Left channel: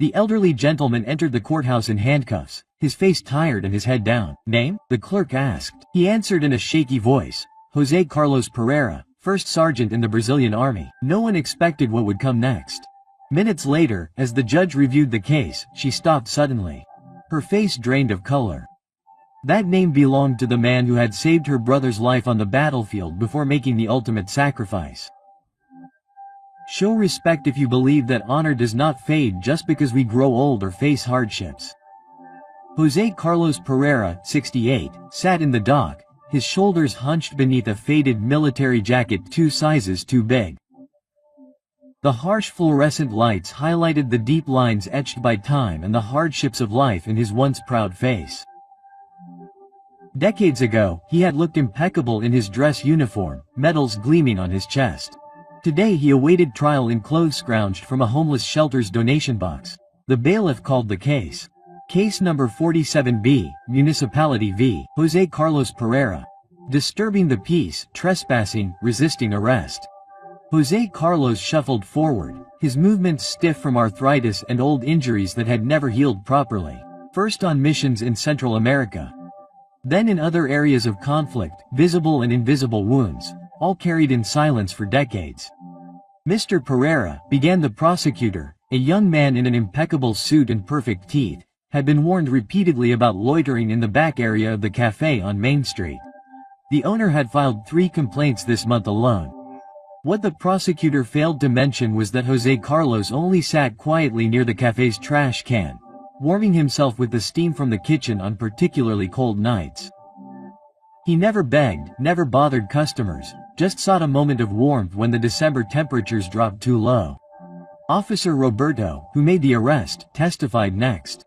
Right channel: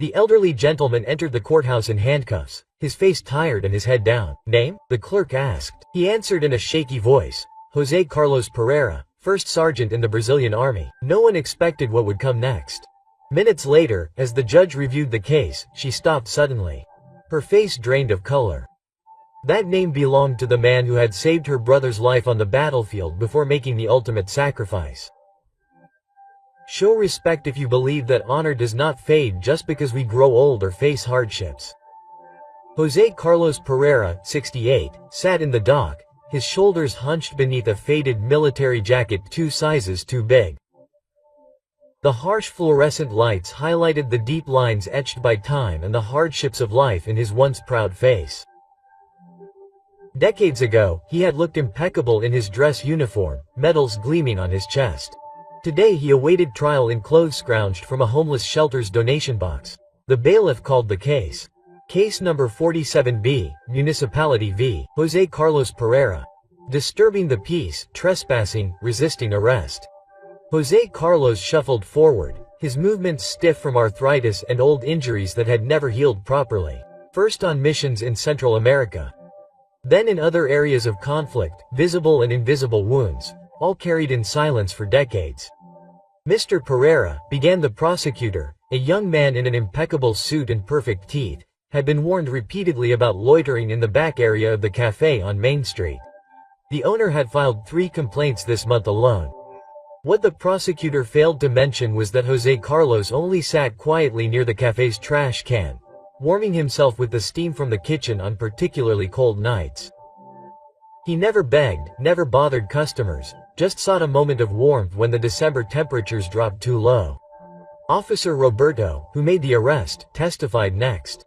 The elderly gentleman entered the courthouse in handcuffs, his face tired and his head down. "Name?" the clerk asked. He answered in a shaky voice, "José Carlos Pereira, first sergeant in the Brazilian army." No one expected what would come next. Minutes later, as the judge reviewed the case, she stopped suddenly. Her face drained of color. That name belonged to the man who had saved her brother's life on the battlefield before making the ultimate sacrifice. Show respect if you believe that honor does not fade just because we grow old or face hardships. José Carlos Pereira, 68, sat in the dock, his shoulders hunched beneath a faded military jacket 2 sizes too big. The harsh fluorescent lights highlighted the deep lines etched by time and the hardships of life in his once proud face. Decades ago, he had looked impeccable in his dress uniform, medals gleaming on his chest. Today he awaited trial in clothes scrounged from a homeless shelter's donation box. The bailiff called the case. Case number 47B, Municipality v. José Carlos Pereira. Disturbing the peace, trespassing, resisting arrest. José Carlos shuffled forward, his movements stiff from arthritis and old injuries that had never healed properly. First on missions in Central America. Then in other areas of conflict, visible and invisible wounds, all carried in silence for decades. "Mr. Pereira," began the prosecutor, a young man in an impeccable suit and perfect teeth, had been warned repeatedly about loitering in the back area of the cafe on Main Street. The owner had filed 3 complaints this month alone. What the prosecutor failed to mention was that José Carlos only sat quietly near the cafe's trash can, warming himself with the steam from the kitchen on particularly cold nights. He never begged, never bothered customers, just sought a moment of warmth when the December temperatures dropped too low. Officer Roberto, who made the arrest, testified next.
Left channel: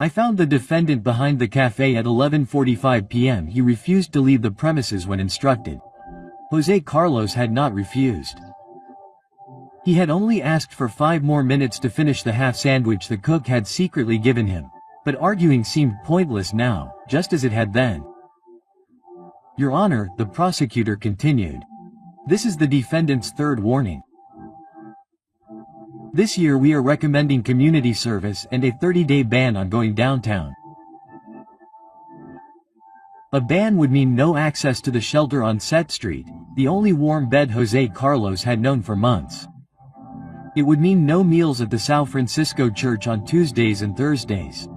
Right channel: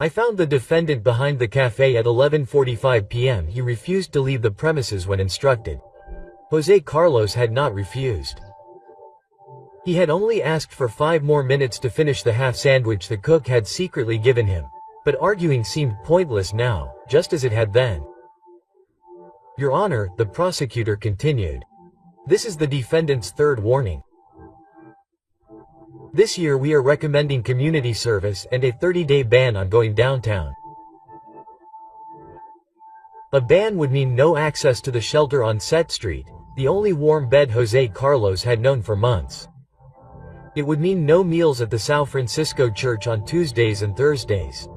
"I found the defendant behind the cafe at 11:45 p.m. He refused to leave the premises when instructed." José Carlos had not refused. He had only asked for 5 more minutes to finish the half sandwich the cook had secretly given him. But arguing seemed pointless now, just as it had then. "Your Honor," the prosecutor continued. "This is the defendant's 3rd warning. This year we are recommending community service and a 30-day ban on going downtown. A ban would mean no access to the shelter on Set Street, the only warm bed José Carlos had known for months. It would mean no meals at the São Francisco Church on Tuesdays and Thursdays.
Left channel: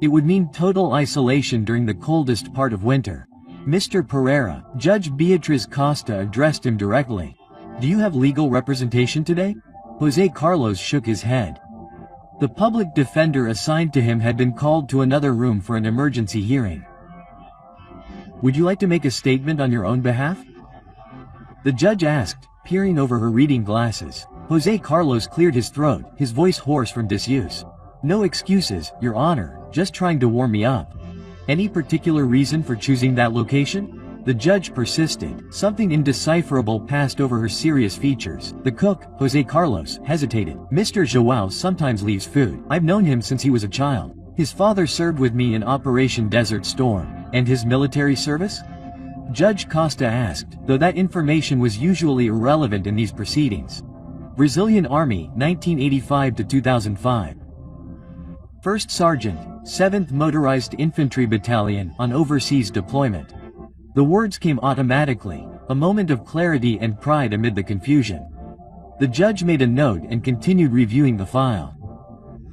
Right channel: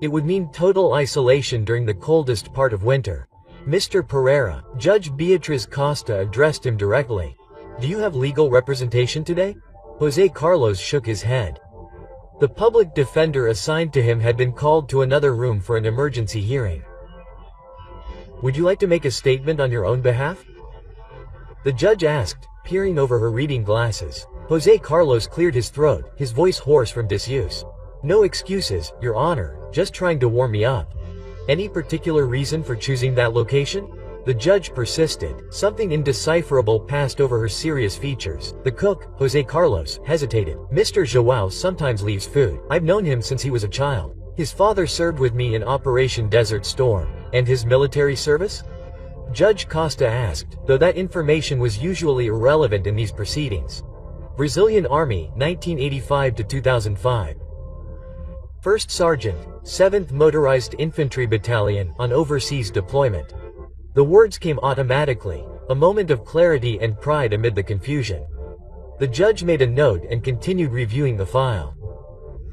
It would mean total isolation during the coldest part of winter." "Mr. Pereira," Judge Beatriz Costa addressed him directly. "Do you have legal representation today?" José Carlos shook his head. The public defender assigned to him had been called to another room for an emergency hearing. "Would you like to make a statement on your own behalf?" the judge asked, peering over her reading glasses. José Carlos cleared his throat, his voice hoarse from disuse. "No excuses, Your Honor, just trying to warm me up." "Any particular reason for choosing that location?" the judge persisted. Something indecipherable passed over her serious features. The cook, José Carlos, hesitated. "Mr. João sometimes leaves food. I've known him since he was a child. His father served with me in Operation Desert Storm." "And his military service?" Judge Costa asked, though that information was usually irrelevant in these proceedings. "Brazilian Army, 1985 to 2005. First Sergeant, 7th Motorized Infantry Battalion, on overseas deployment." The words came automatically, a moment of clarity and pride amid the confusion. The judge made a note and continued reviewing the file.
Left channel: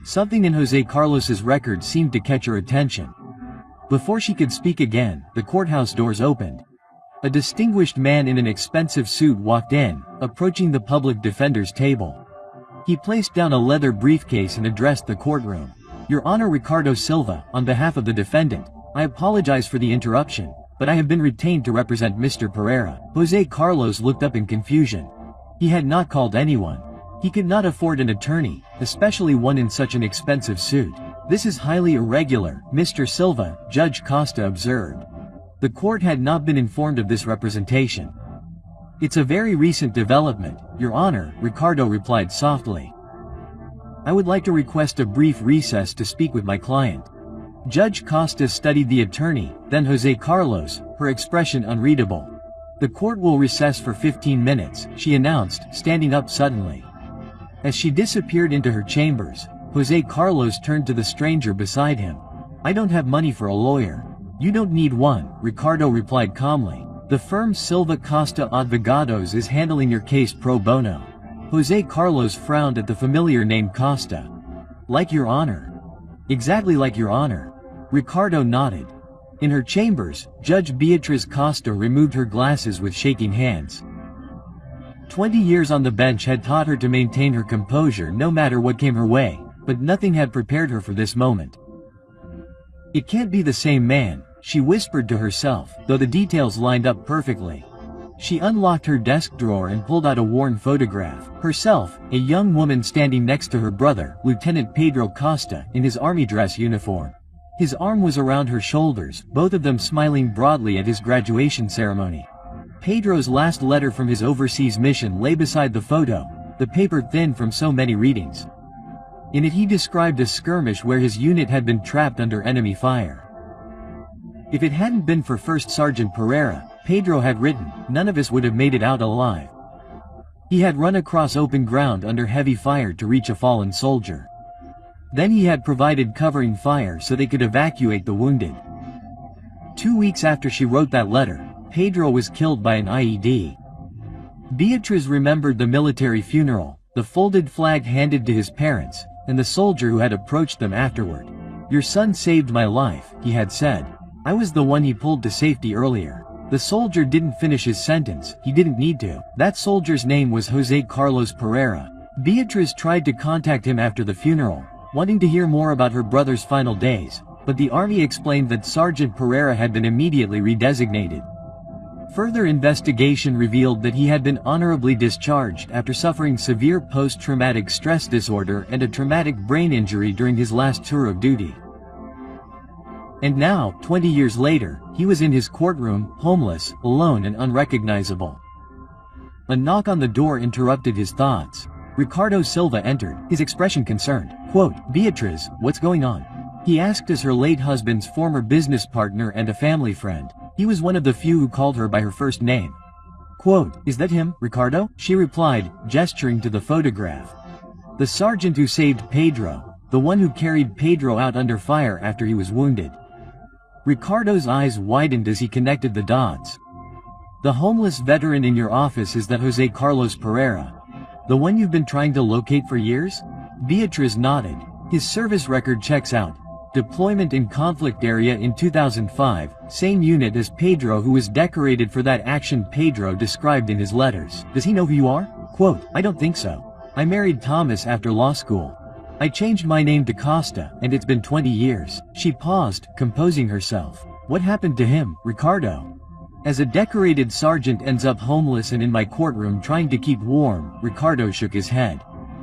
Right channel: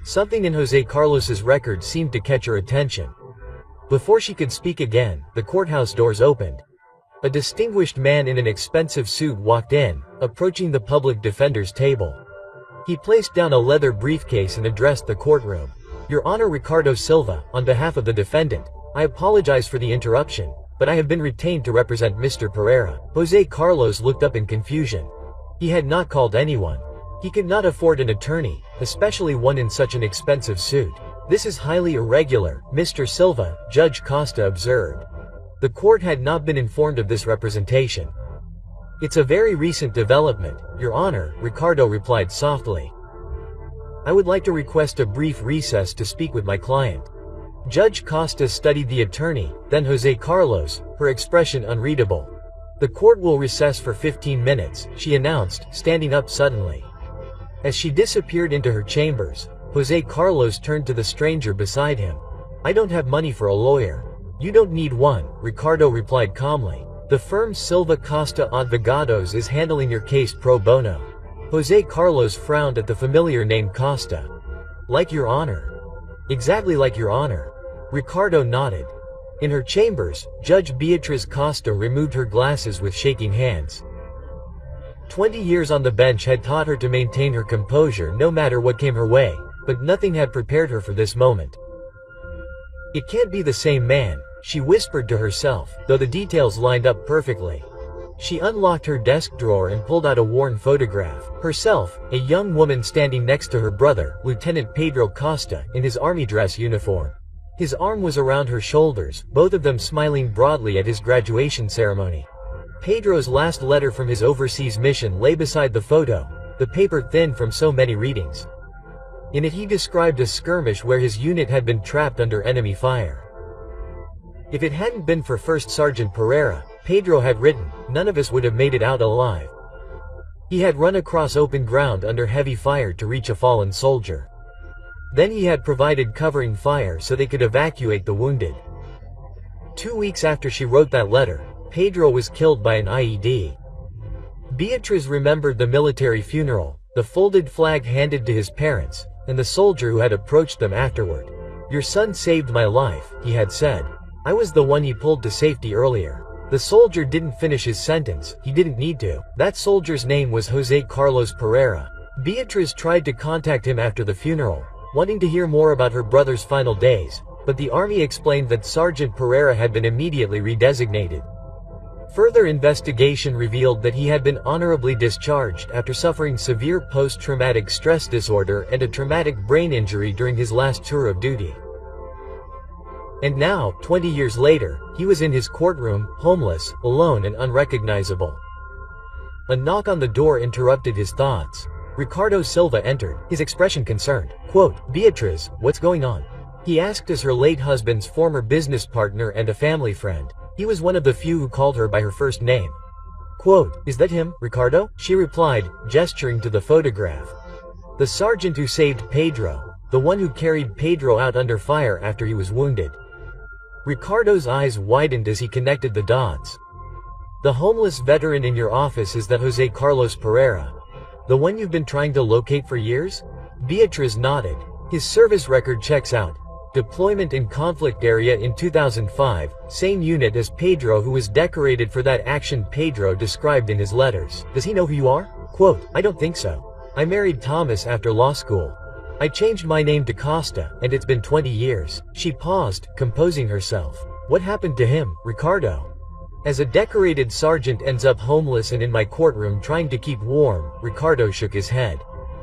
Something in José Carlos's record seemed to catch her attention. Before she could speak again, the courthouse doors opened. A distinguished man in an expensive suit walked in, approaching the public defender's table. He placed down a leather briefcase and addressed the courtroom. "Your Honor, Ricardo Silva, on behalf of the defendant, I apologize for the interruption, but I have been retained to represent Mr. Pereira." José Carlos looked up in confusion. He had not called anyone. He could not afford an attorney, especially one in such an expensive suit. "This is highly irregular, Mr. Silva," Judge Costa observed. The court had not been informed of this representation. "It's a very recent development, Your Honor," Ricardo replied softly. "I would like to request a brief recess to speak with my client." Judge Costa studied the attorney, then José Carlos, her expression unreadable. "The court will recess for 15 minutes, she announced, standing up suddenly. As she disappeared into her chambers, Jose Carlos turned to the stranger beside him. "I don't have money for a lawyer." "You don't need one," Ricardo replied calmly. "The firm Silva Costa Advogados is handling your case pro bono." Jose Carlos frowned at the familiar name Costa. "Like your honor." "Exactly like your honor." Ricardo nodded. In her chambers, Judge Beatriz Costa removed her glasses with shaking hands. 20 years on the bench had taught her to maintain her composure no matter what came her way, but nothing had prepared her for this moment. "It can't be the same man," she whispered to herself, though the details lined up perfectly. She unlocked her desk drawer and pulled out a worn photograph. Herself, a young woman standing next to her brother, Lieutenant Pedro Costa, in his army dress uniform. His arm was around her shoulders, both of them smiling broadly at his graduation ceremony. Pedro's last letter from his overseas mission lay beside the photo, the paper thin from so many readings. In it he described a skirmish where his unit had been trapped under enemy fire. "If it hadn't been for First Sergeant Pereira," Pedro had written, "none of us would have made it out alive. He had run across open ground under heavy fire to reach a fallen soldier. Then he had provided covering fire so they could evacuate the wounded." 2 weeks after she wrote that letter, Pedro was killed by an IED. Beatriz remembered the military funeral, the folded flag handed to his parents, and the soldier who had approached them afterward. "Your son saved my life," he had said. "I was the one he pulled to safety earlier." The soldier didn't finish his sentence, he didn't need to. That soldier's name was Jose Carlos Pereira. Beatriz tried to contact him after the funeral, wanting to hear more about her brother's final days, but the army explained that Sergeant Pereira had been immediately redesignated. Further investigation revealed that he had been honorably discharged after suffering severe post-traumatic stress disorder and a traumatic brain injury during his last tour of duty. And now, 20 years later, he was in his courtroom, homeless, alone and unrecognizable. A knock on the door interrupted his thoughts. Ricardo Silva entered, his expression concerned. Quote, "Beatriz, what's going on?" he asked as her late husband's former business partner and a family friend. He was one of the few who called her by her first name. Quote, "Is that him, Ricardo?" she replied, gesturing to the photograph. "The sergeant who saved Pedro, the one who carried Pedro out under fire after he was wounded." Ricardo's eyes widened as he connected the dots. "The homeless veteran in your office is that Jose Carlos Pereira? The one you've been trying to locate for years?" Beatriz nodded. "His service record checks out. Deployment in conflict area in 2005, same unit as Pedro who was decorated for that action Pedro described in his letters. Does he know who you are?" Quote, "I don't think so. I married Thomas after law school. I changed my name to Costa, and it's been 20 years. She paused, composing herself. "What happened to him, Ricardo?" "As a decorated sergeant ends up homeless and in my courtroom trying to keep warm," Ricardo shook his head.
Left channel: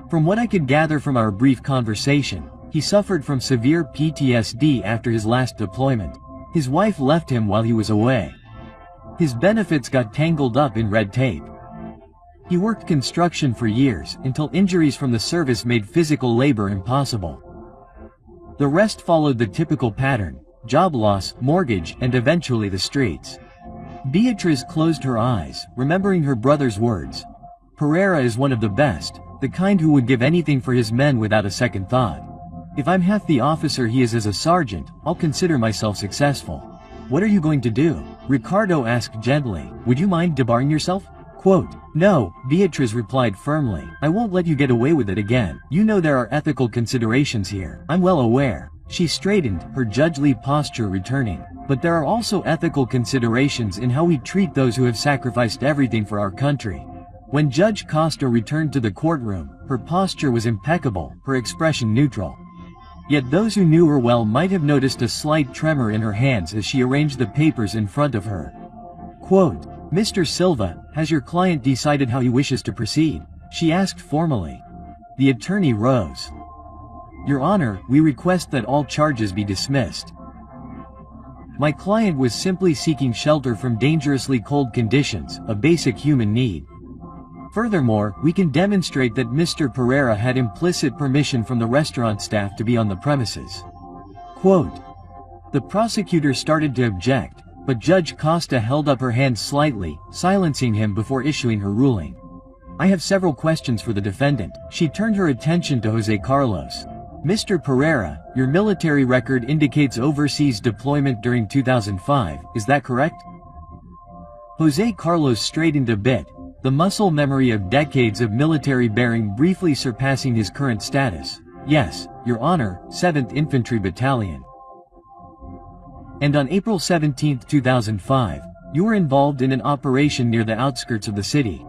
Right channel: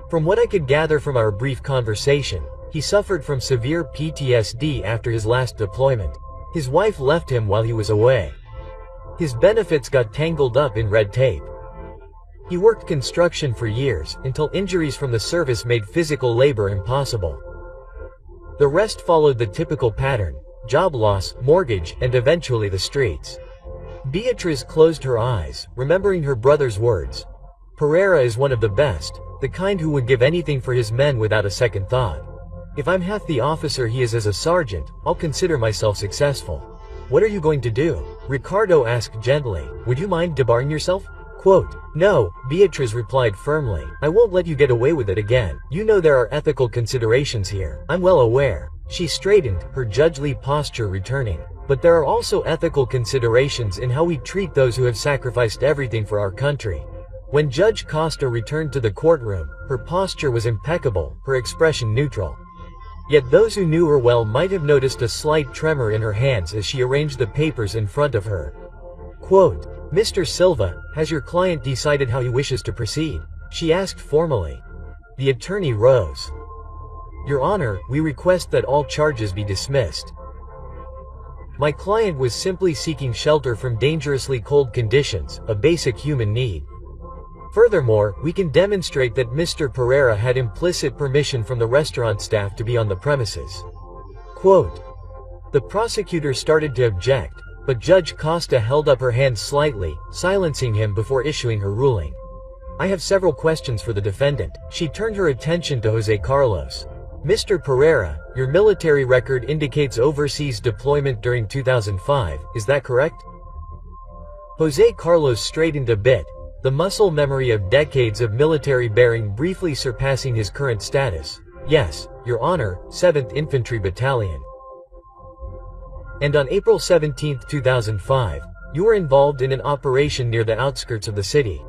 "From what I could gather from our brief conversation, he suffered from severe PTSD after his last deployment. His wife left him while he was away. His benefits got tangled up in red tape. He worked construction for years, until injuries from the service made physical labor impossible. The rest followed the typical pattern: job loss, mortgage, and eventually the streets." Beatriz closed her eyes, remembering her brother's words. "Pereira is one of the best, the kind who would give anything for his men without a second thought. If I'm half the officer he is as a sergeant, I'll consider myself successful." "What are you going to do?" Ricardo asked gently. "Would you mind debarring yourself?" Quote, "No," Beatriz replied firmly. "I won't let you get away with it again. You know there are ethical considerations here." "I'm well aware." She straightened, her judgely posture returning. "But there are also ethical considerations in how we treat those who have sacrificed everything for our country." When Judge Costa returned to the courtroom, her posture was impeccable, her expression neutral. Yet those who knew her well might have noticed a slight tremor in her hands as she arranged the papers in front of her. Quote, "Mr. Silva, has your client decided how he wishes to proceed?" she asked formally. The attorney rose. "Your Honor, we request that all charges be dismissed. My client was simply seeking shelter from dangerously cold conditions, a basic human need. Furthermore, we can demonstrate that Mr. Pereira had implicit permission from the restaurant staff to be on the premises." Quote. The prosecutor started to object, but Judge Costa held up her hand slightly, silencing him before issuing her ruling. "I have several questions for the defendant." She turned her attention to Jose Carlos. Mr. Pereira, your military record indicates overseas deployment during 2005, is that correct? Jose Carlos straightened a bit, the muscle memory of decades of military bearing briefly surpassing his current status. Yes, Your Honor, 7th Infantry Battalion. And on April 17, 2005, you were involved in an operation near the outskirts of the city.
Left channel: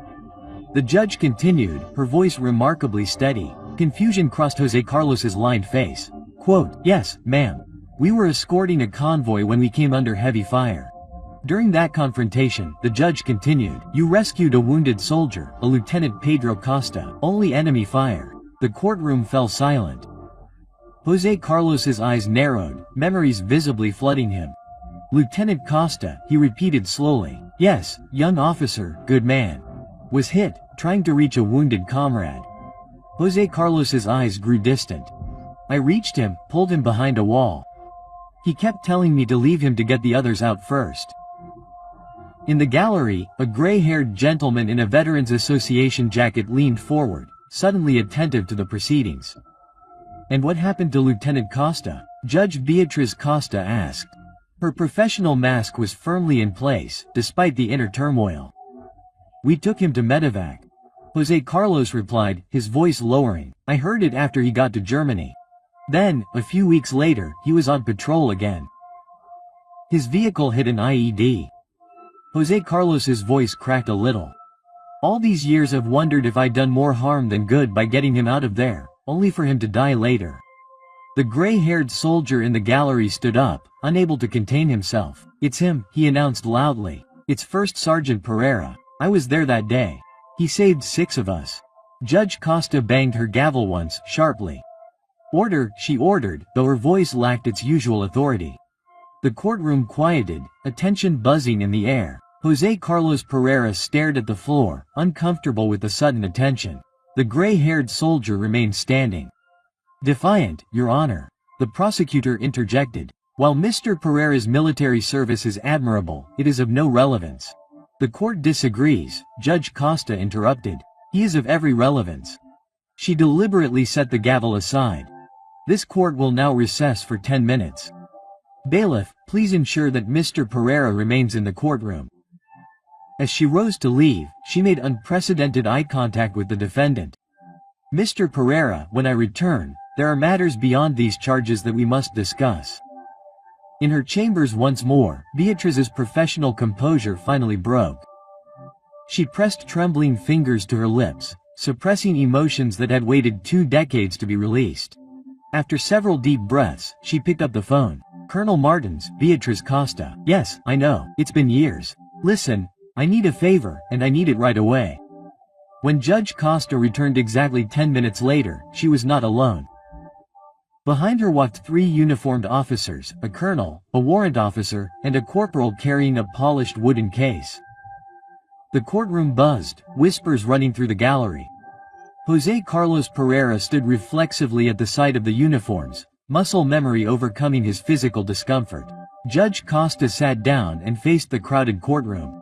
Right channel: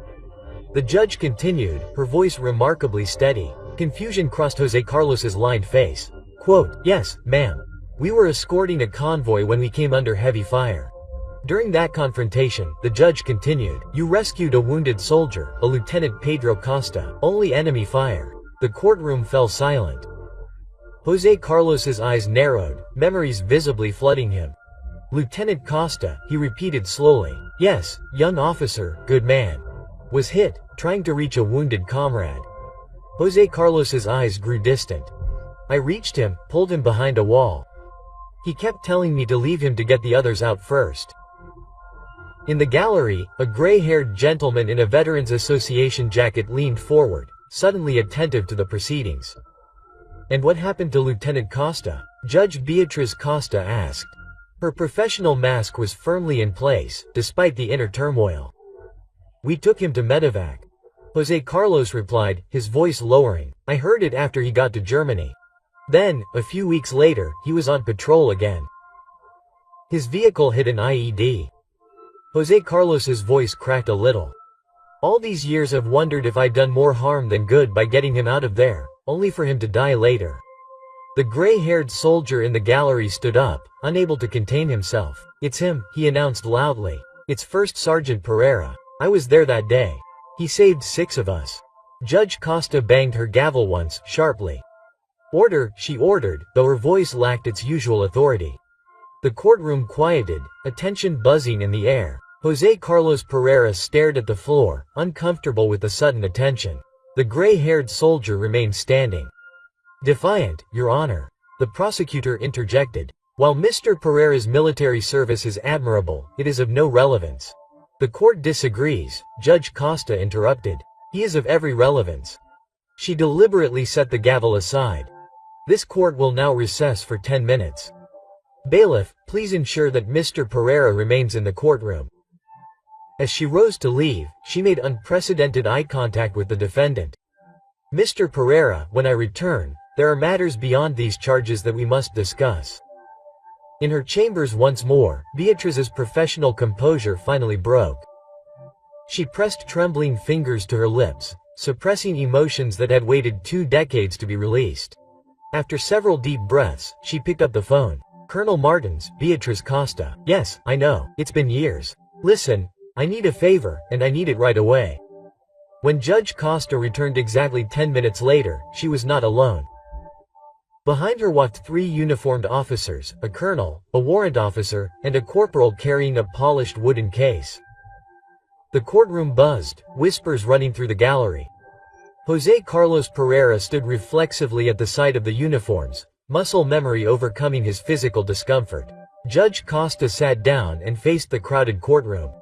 The judge continued, her voice remarkably steady. Confusion crossed Jose Carlos's lined face. Quote, yes, ma'am. We were escorting a convoy when we came under heavy fire. During that confrontation, the judge continued, you rescued a wounded soldier, a Lieutenant Pedro Costa. Only enemy fire. The courtroom fell silent. Jose Carlos's eyes narrowed, memories visibly flooding him. Lieutenant Costa, he repeated slowly. Yes, young officer, good man. Was hit, trying to reach a wounded comrade. Jose Carlos's eyes grew distant. I reached him, pulled him behind a wall. He kept telling me to leave him to get the others out first. In the gallery, a gray-haired gentleman in a Veterans Association jacket leaned forward, suddenly attentive to the proceedings. And what happened to Lieutenant Costa? Judge Beatriz Costa asked. Her professional mask was firmly in place, despite the inner turmoil. We took him to medevac. Jose Carlos replied, his voice lowering. I heard it after he got to Germany. Then, a few weeks later, he was on patrol again. His vehicle hit an IED. Jose Carlos's voice cracked a little. All these years I've wondered if I'd done more harm than good by getting him out of there, only for him to die later. The gray-haired soldier in the gallery stood up, unable to contain himself. It's him, he announced loudly. It's First Sergeant Pereira. I was there that day. He saved 6 of us. Judge Costa banged her gavel once, sharply. Order, she ordered, though her voice lacked its usual authority. The courtroom quieted, attention buzzing in the air. Jose Carlos Pereira stared at the floor, uncomfortable with the sudden attention. The gray-haired soldier remained standing. Defiant, Your Honor. The prosecutor interjected. While Mr. Pereira's military service is admirable, it is of no relevance. The court disagrees, Judge Costa interrupted. He is of every relevance. She deliberately set the gavel aside. This court will now recess for 10 minutes. Bailiff, please ensure that Mr. Pereira remains in the courtroom. As she rose to leave, she made unprecedented eye contact with the defendant. Mr. Pereira, when I return, there are matters beyond these charges that we must discuss. In her chambers once more, Beatriz's professional composure finally broke. She pressed trembling fingers to her lips, suppressing emotions that had waited 2 decades to be released. After several deep breaths, she picked up the phone. Colonel Martins, Beatriz Costa. Yes, I know, it's been years. Listen, I need a favor, and I need it right away. When Judge Costa returned exactly 10 minutes later, she was not alone. Behind her walked 3 uniformed officers, a colonel, a warrant officer, and a corporal carrying a polished wooden case. The courtroom buzzed, whispers running through the gallery. Jose Carlos Pereira stood reflexively at the sight of the uniforms, muscle memory overcoming his physical discomfort. Judge Costa sat down and faced the crowded courtroom.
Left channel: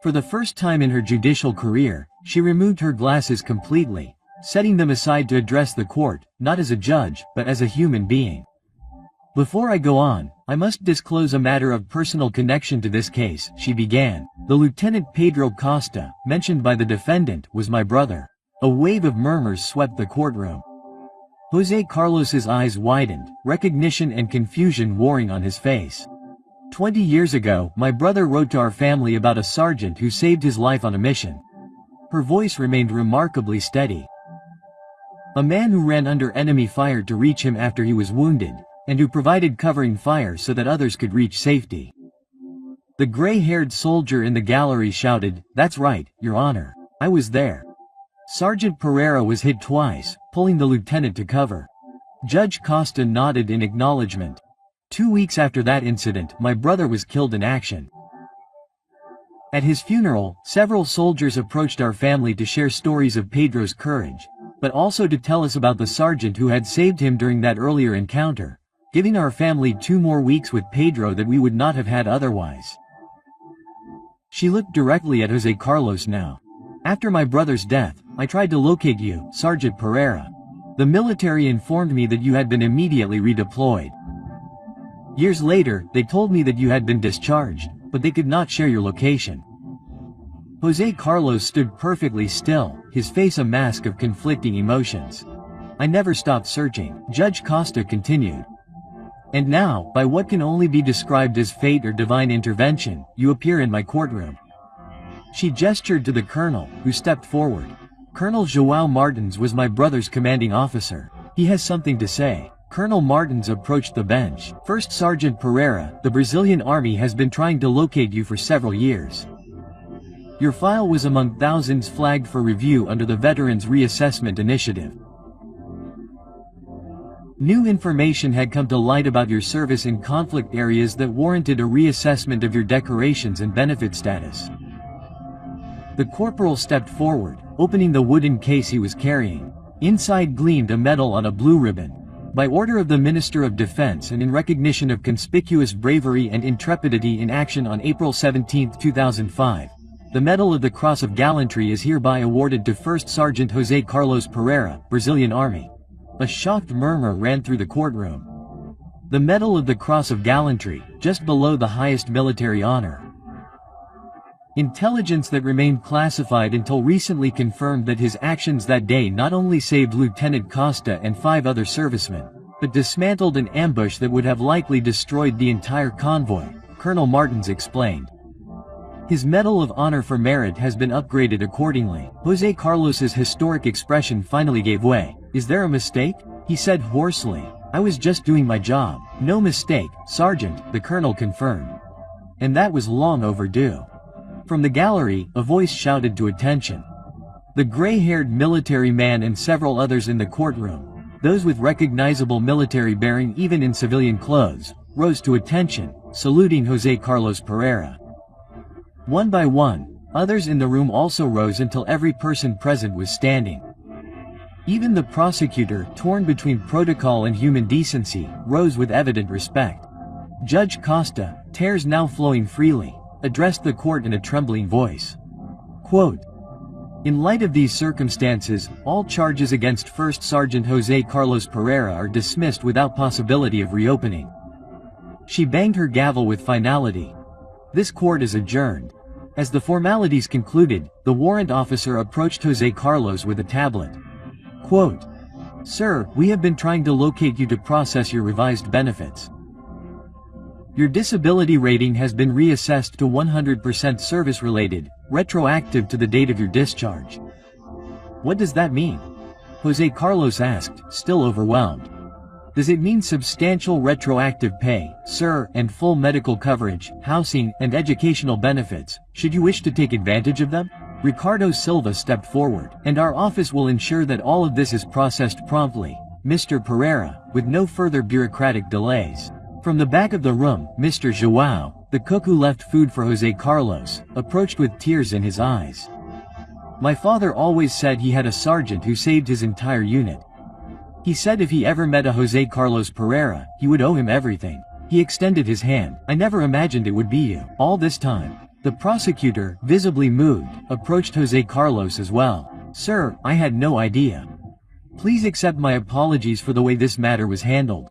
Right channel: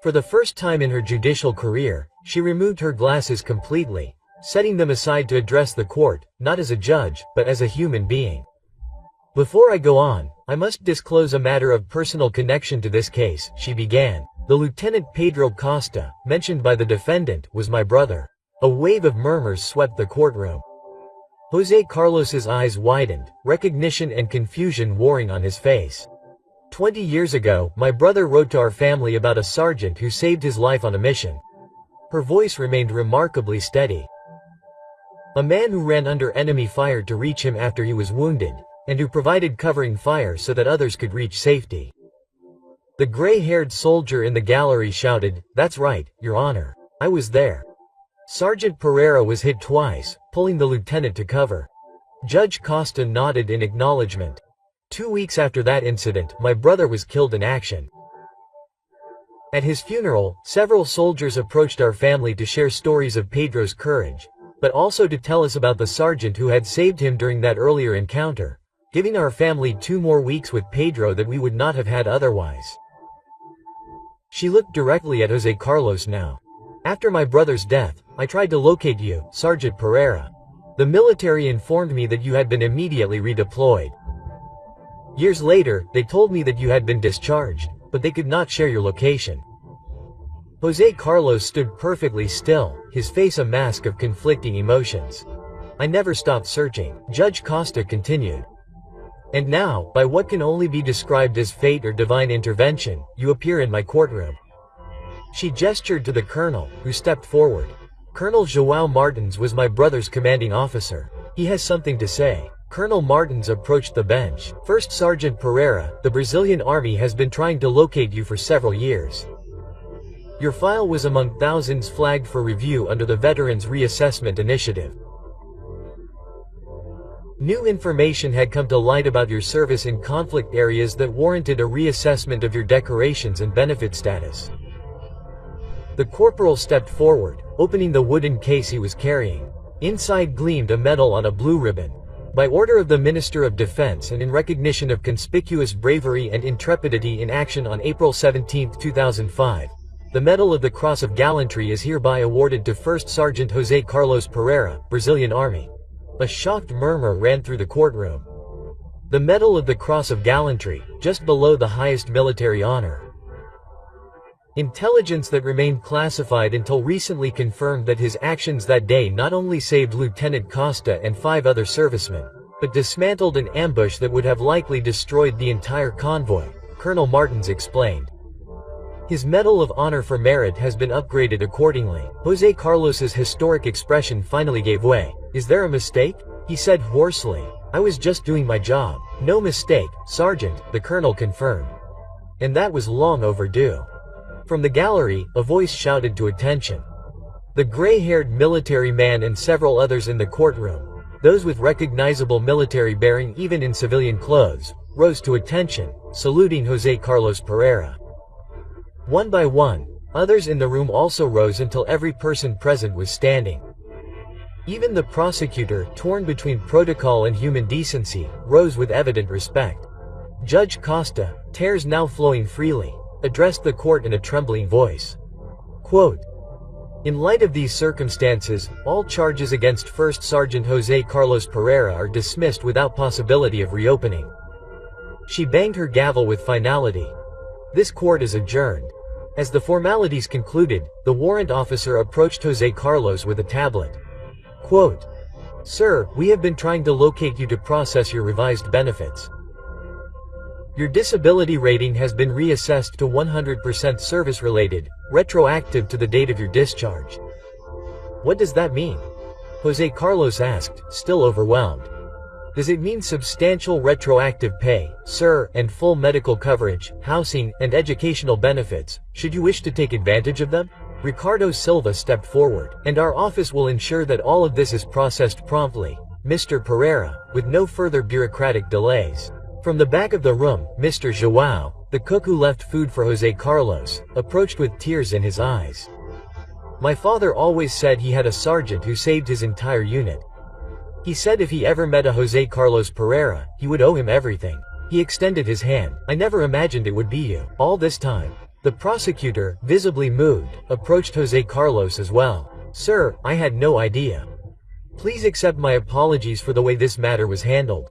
For the first time in her judicial career, she removed her glasses completely, setting them aside to address the court, not as a judge, but as a human being. Before I go on, I must disclose a matter of personal connection to this case, she began. The Lieutenant Pedro Costa, mentioned by the defendant, was my brother. A wave of murmurs swept the courtroom. Jose Carlos's eyes widened, recognition and confusion warring on his face. 20 years ago, my brother wrote to our family about a sergeant who saved his life on a mission. Her voice remained remarkably steady. A man who ran under enemy fire to reach him after he was wounded, and who provided covering fire so that others could reach safety. The gray-haired soldier in the gallery shouted, "That's right, Your Honor. I was there." Sergeant Pereira was hit twice, pulling the lieutenant to cover. Judge Costa nodded in acknowledgement. 2 weeks after that incident, my brother was killed in action. At his funeral, several soldiers approached our family to share stories of Pedro's courage, but also to tell us about the sergeant who had saved him during that earlier encounter, giving our family 2 more weeks with Pedro that we would not have had otherwise. She looked directly at Jose Carlos now. After my brother's death, I tried to locate you, Sergeant Pereira. The military informed me that you had been immediately redeployed. Years later, they told me that you had been discharged, but they could not share your location. José Carlos stood perfectly still, his face a mask of conflicting emotions. I never stopped searching, Judge Costa continued. And now, by what can only be described as fate or divine intervention, you appear in my courtroom. She gestured to the colonel, who stepped forward. Colonel João Martins was my brother's commanding officer. He has something to say. Colonel Martins approached the bench. First Sergeant Pereira, the Brazilian army has been trying to locate you for several years. Your file was among thousands flagged for review under the Veterans Reassessment Initiative. New information had come to light about your service in conflict areas that warranted a reassessment of your decorations and benefit status. The corporal stepped forward, opening the wooden case he was carrying. Inside gleamed a medal on a blue ribbon. By order of the Minister of Defense and in recognition of conspicuous bravery and intrepidity in action on April 17, 2005, the Medal of the Cross of Gallantry is hereby awarded to First Sergeant José Carlos Pereira, Brazilian Army. A shocked murmur ran through the courtroom. The Medal of the Cross of Gallantry, just below the highest military honor. Intelligence that remained classified until recently confirmed that his actions that day not only saved Lieutenant Costa and 5 other servicemen, but dismantled an ambush that would have likely destroyed the entire convoy, Colonel Martins explained. His Medal of Honor for Merit has been upgraded accordingly. José Carlos's historic expression finally gave way. Is there a mistake? He said hoarsely. I was just doing my job. No mistake, Sergeant, the colonel confirmed. And that was long overdue. From the gallery, a voice shouted to attention. The gray-haired military man and several others in the courtroom, those with recognizable military bearing even in civilian clothes, rose to attention, saluting José Carlos Pereira. One by one, others in the room also rose until every person present was standing. Even the prosecutor, torn between protocol and human decency, rose with evident respect. Judge Costa, tears now flowing freely, addressed the court in a trembling voice. Quote, in light of these circumstances, all charges against First Sergeant José Carlos Pereira are dismissed without possibility of reopening. She banged her gavel with finality. This court is adjourned. As the formalities concluded, the warrant officer approached José Carlos with a tablet. Quote, sir, we have been trying to locate you to process your revised benefits. Your disability rating has been reassessed to 100% service-related, retroactive to the date of your discharge. What does that mean? José Carlos asked, still overwhelmed. Does it mean substantial retroactive pay, sir, and full medical coverage, housing, and educational benefits, should you wish to take advantage of them? Ricardo Silva stepped forward, and our office will ensure that all of this is processed promptly, Mr. Pereira, with no further bureaucratic delays. From the back of the room, Mr. João, the cook who left food for José Carlos, approached with tears in his eyes. My father always said he had a sergeant who saved his entire unit. He said if he ever met a José Carlos Pereira, he would owe him everything. He extended his hand. I never imagined it would be you. All this time. The prosecutor, visibly moved, approached José Carlos as well. Sir, I had no idea. Please accept my apologies for the way this matter was handled.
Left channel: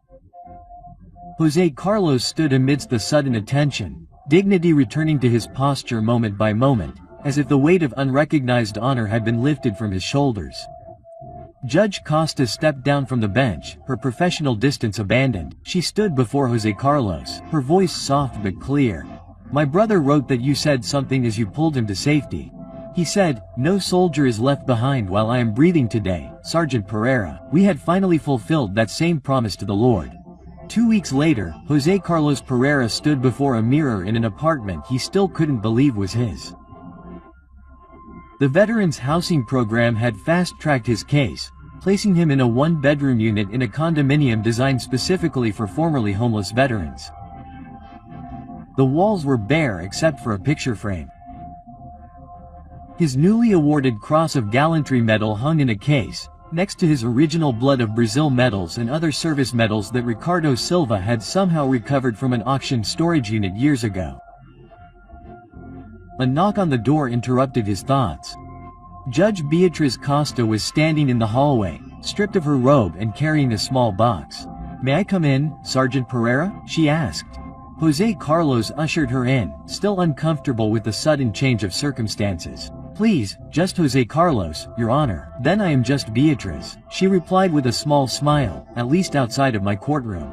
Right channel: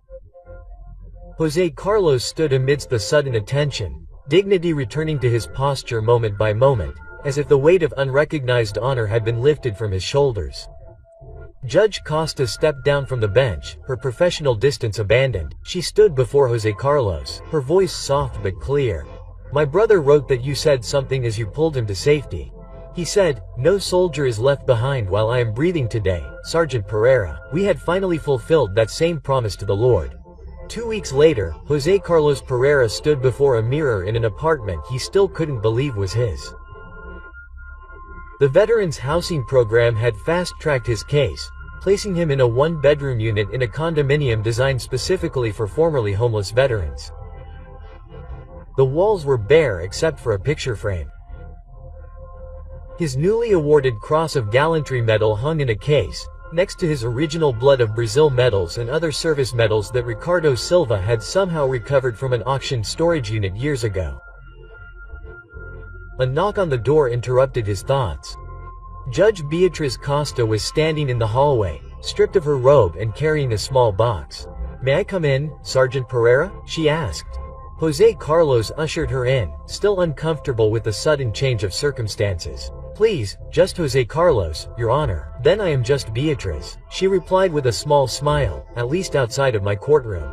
José Carlos stood amidst the sudden attention, dignity returning to his posture moment by moment, as if the weight of unrecognized honor had been lifted from his shoulders. Judge Costa stepped down from the bench, her professional distance abandoned. She stood before José Carlos, her voice soft but clear. My brother wrote that you said something as you pulled him to safety. He said, no soldier is left behind while I am breathing today, Sergeant Pereira. We had finally fulfilled that same promise to the Lord. 2 weeks later, José Carlos Pereira stood before a mirror in an apartment he still couldn't believe was his. The Veterans Housing Program had fast-tracked his case, placing him in a one-bedroom unit in a condominium designed specifically for formerly homeless veterans. The walls were bare except for a picture frame. His newly awarded Cross of Gallantry medal hung in a case, next to his original Blood of Brazil medals and other service medals that Ricardo Silva had somehow recovered from an auction storage unit years ago. A knock on the door interrupted his thoughts. Judge Beatriz Costa was standing in the hallway, stripped of her robe and carrying a small box. "May I come in, Sergeant Pereira?" she asked. Jose Carlos ushered her in, still uncomfortable with the sudden change of circumstances. "Please, just Jose Carlos, Your Honor." "Then I am just Beatriz," she replied with a small smile, "at least outside of my courtroom."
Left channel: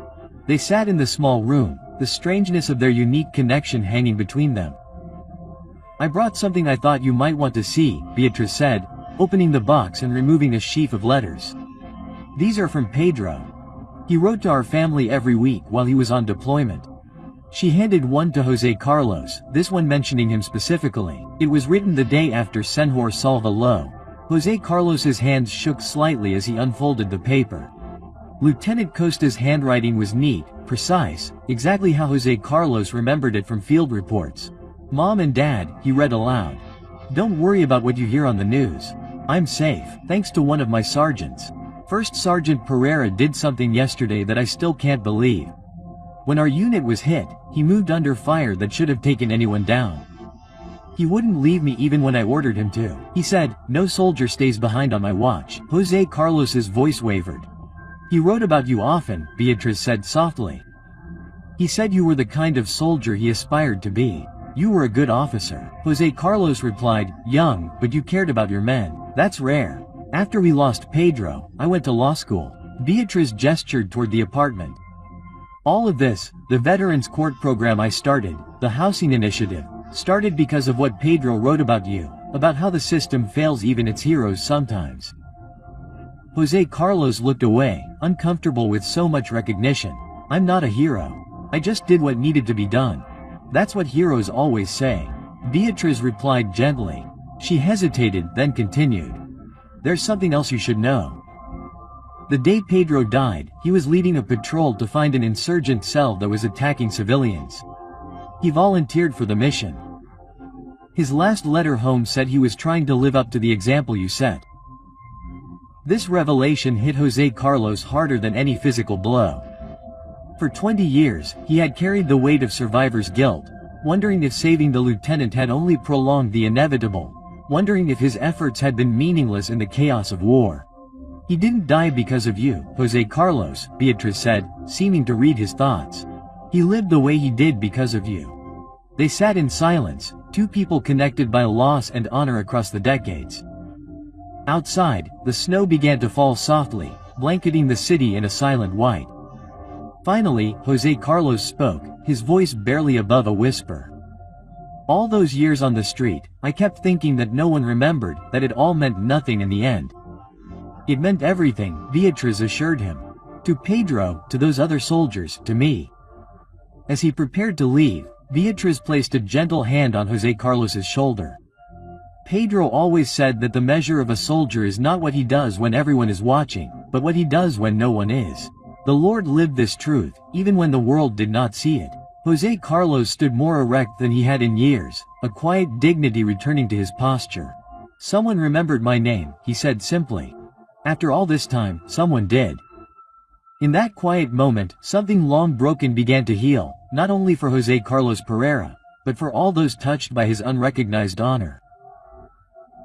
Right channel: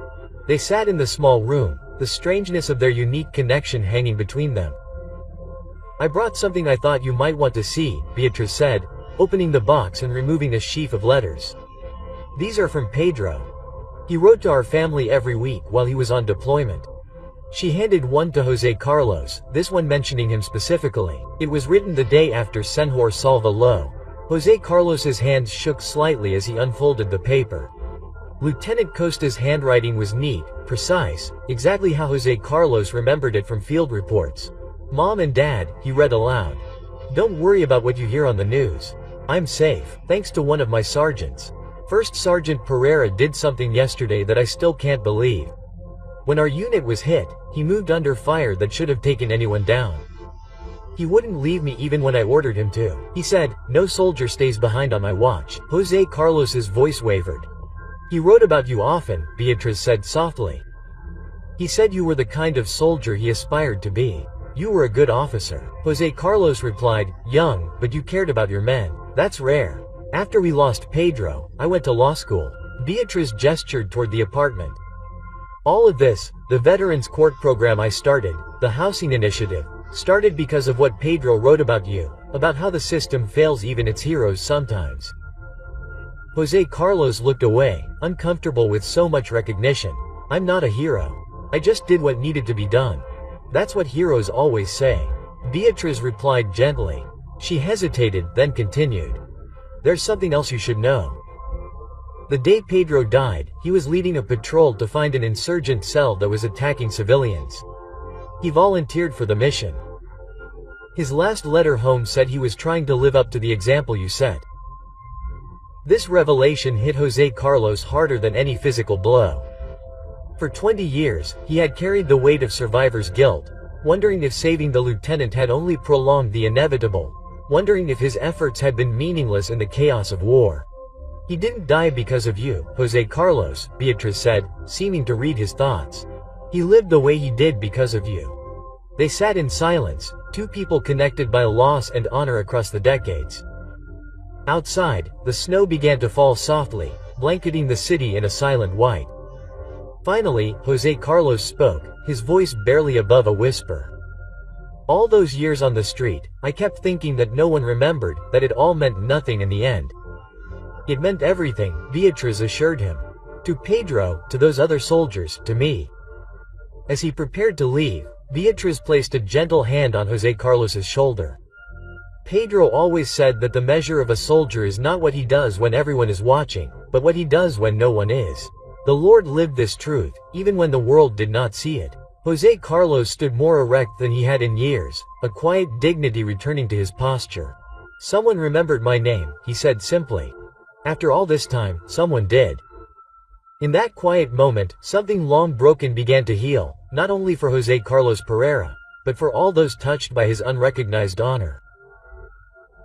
They sat in the small room, the strangeness of their unique connection hanging between them. "I brought something I thought you might want to see," Beatriz said, opening the box and removing a sheaf of letters. "These are from Pedro. He wrote to our family every week while he was on deployment." She handed one to Jose Carlos, this one mentioning him specifically. It was written the day after Senhor Salva Lo. Jose Carlos's hands shook slightly as he unfolded the paper. Lieutenant Costa's handwriting was neat, precise, exactly how Jose Carlos remembered it from field reports. "Mom and Dad," he read aloud. "Don't worry about what you hear on the news. I'm safe, thanks to one of my sergeants. First Sergeant Pereira did something yesterday that I still can't believe. When our unit was hit, he moved under fire that should have taken anyone down. He wouldn't leave me even when I ordered him to. He said, 'No soldier stays behind on my watch.'" Jose Carlos's voice wavered. "He wrote about you often," Beatriz said softly. "He said you were the kind of soldier he aspired to be. You were a good officer." Jose Carlos replied, "Young, but you cared about your men. That's rare. After we lost Pedro, I went to law school." Beatriz gestured toward the apartment. "All of this, the Veterans Court program I started, the housing initiative, started because of what Pedro wrote about you, about how the system fails even its heroes sometimes." Jose Carlos looked away, uncomfortable with so much recognition. "I'm not a hero. I just did what needed to be done. That's what heroes always say." Beatriz replied gently. She hesitated, then continued. "There's something else you should know. The day Pedro died, he was leading a patrol to find an insurgent cell that was attacking civilians. He volunteered for the mission. His last letter home said he was trying to live up to the example you set." This revelation hit Jose Carlos harder than any physical blow. For 20 years, he had carried the weight of survivor's guilt, wondering if saving the lieutenant had only prolonged the inevitable, wondering if his efforts had been meaningless in the chaos of war. "He didn't die because of you, Jose Carlos," Beatriz said, seeming to read his thoughts. "He lived the way he did because of you." They sat in silence, two people connected by loss and honor across the decades. Outside, the snow began to fall softly, blanketing the city in a silent white. Finally, Jose Carlos spoke, his voice barely above a whisper. "All those years on the street, I kept thinking that no one remembered, that it all meant nothing in the end. It meant everything," Beatriz assured him. "To Pedro, to those other soldiers, to me." As he prepared to leave, Beatriz placed a gentle hand on Jose Carlos's shoulder. "Pedro always said that the measure of a soldier is not what he does when everyone is watching, but what he does when no one is. The Lord lived this truth, even when the world did not see it." Jose Carlos stood more erect than he had in years, a quiet dignity returning to his posture. "Someone remembered my name," he said simply. "After all this time, someone did." In that quiet moment, something long broken began to heal, not only for Jose Carlos Pereira, but for all those touched by his unrecognized honor.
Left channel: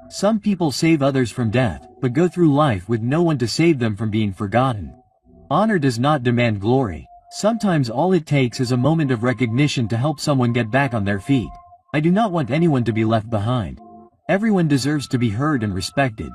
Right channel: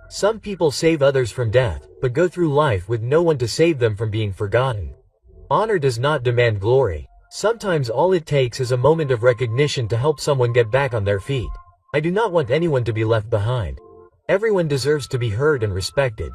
Some people save others from death, but go through life with no one to save them from being forgotten. Honor does not demand glory. Sometimes all it takes is a moment of recognition to help someone get back on their feet. I do not want anyone to be left behind. Everyone deserves to be heard and respected.